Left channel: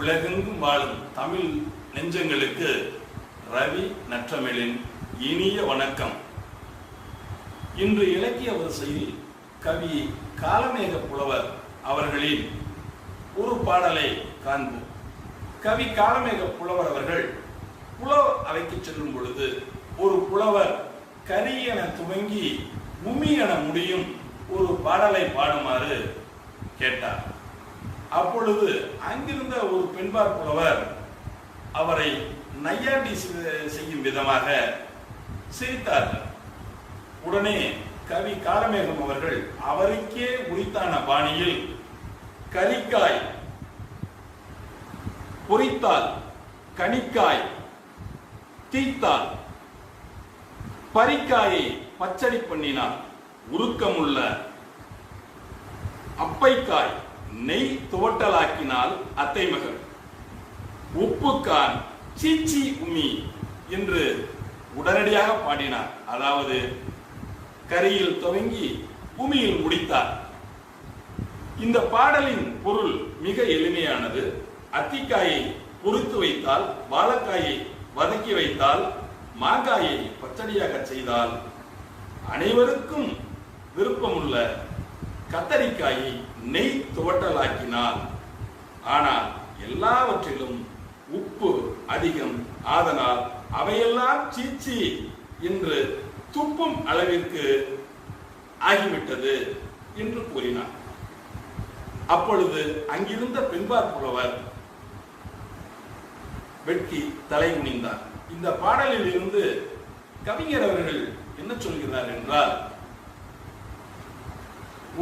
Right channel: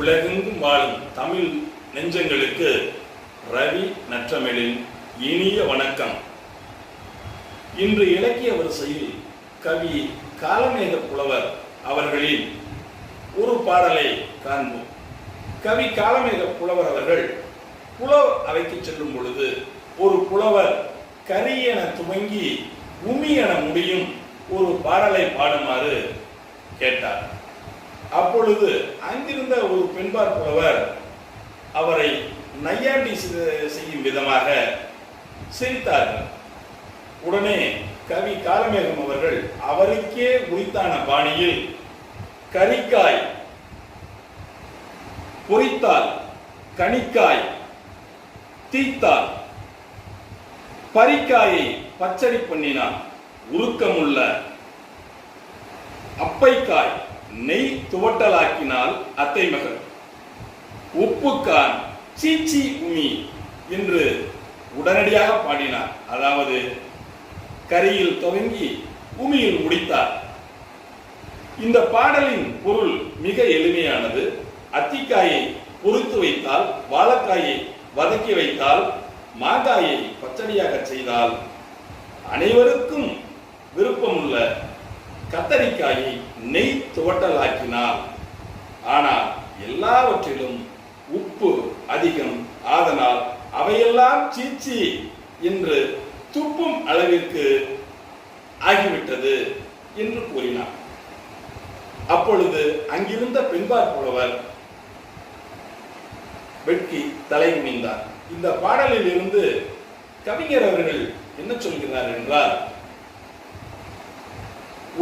உலகெங்கும் வாழும் தமிழ் நெஞ்சங்களுக்கு ரவி நற்றமிழின் இனிய வணக்கம். இன்று இலக்கிய வரிசையில் கவி காலமேக புலவர் அவர்களின் ஒரு பாடலை காண்போம். கவி காலமேக புலவர் அவர்கள் புலவர் அவைக்கு செல்லும் பொழுது ஒரு புலவர் கரி என துவங்கி உமி என முடியும் ஒரு பாடலை பாடுமாறு கேட்டார். அப்பொழுது அங்கிருந்த ஒரு பெண்பார் புலவர் அவரை நையாண்டி செய்யும் விதமாக சிரித்தார்கள். உடனே கவி காலமேகம் அவர்கள் அவருக்கே உரித்தான பாணியில் கரிக்காய் பொறித்தால் கனிக்காய் தீத்தால் பரிக்காயை பச்சடி பண்ணினான் உருக்கமுள்ள அப்பைக்காய் நெய் துவட்டலாக்கினால் அத்தை மகள் உப்புக்கான் சீச்சி உமி என்று உடனடியாக பாடினார். அதாவது கரியில் துவங்கி உமியில் முடித்தார். இந்த பாடலின் பொருள் மிக எளிமையானது. அத்திக்காயை பொறுத்து வைத்தால், வாழைக்காயை வதக்கி வைத்தால், மாங்காயை பச்சடியாக செய்தால், அனைவருக்கும் விருப்பமுள்ள கத்தரிக்காயை நெய் துவட்டலாக்கினால், ஆனால் எல்லாவற்றிலும் உப்பு அதிகம், ஆதனால் அவையெல்லாம் சீச்சி என்று துப்பும் அளவிற்கு ஆகிவிட்டது என்று கூறினார். அப்பொழுது அங்கிருந்த பெண்பார் புலவர் வெட்கி தலை குனிந்தார். இந்த பாடலில் இருந்து கவிஞர் அவர்கள் என்ன சொல்கிறார் என்றால்,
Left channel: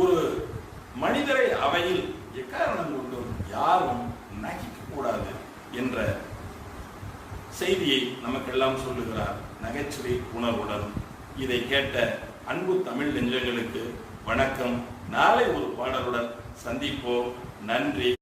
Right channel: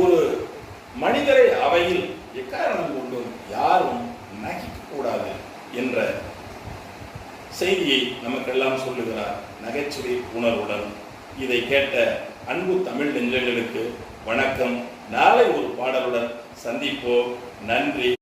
ஒரு மனிதரை அவையில் எக்காரணம் கொண்டும் யாரும் நகைக்க கூடாது என்ற செய்தியை நமக்கெல்லாம் சொல்லுகிறார் நகைச்சுவை உணர்வுடன். இதை கேட்ட அன்பு தமிழ் நெஞ்சங்களுக்கு வணக்கம். நாளை ஒரு பாடலுடன் சந்திப்போம். நன்றி.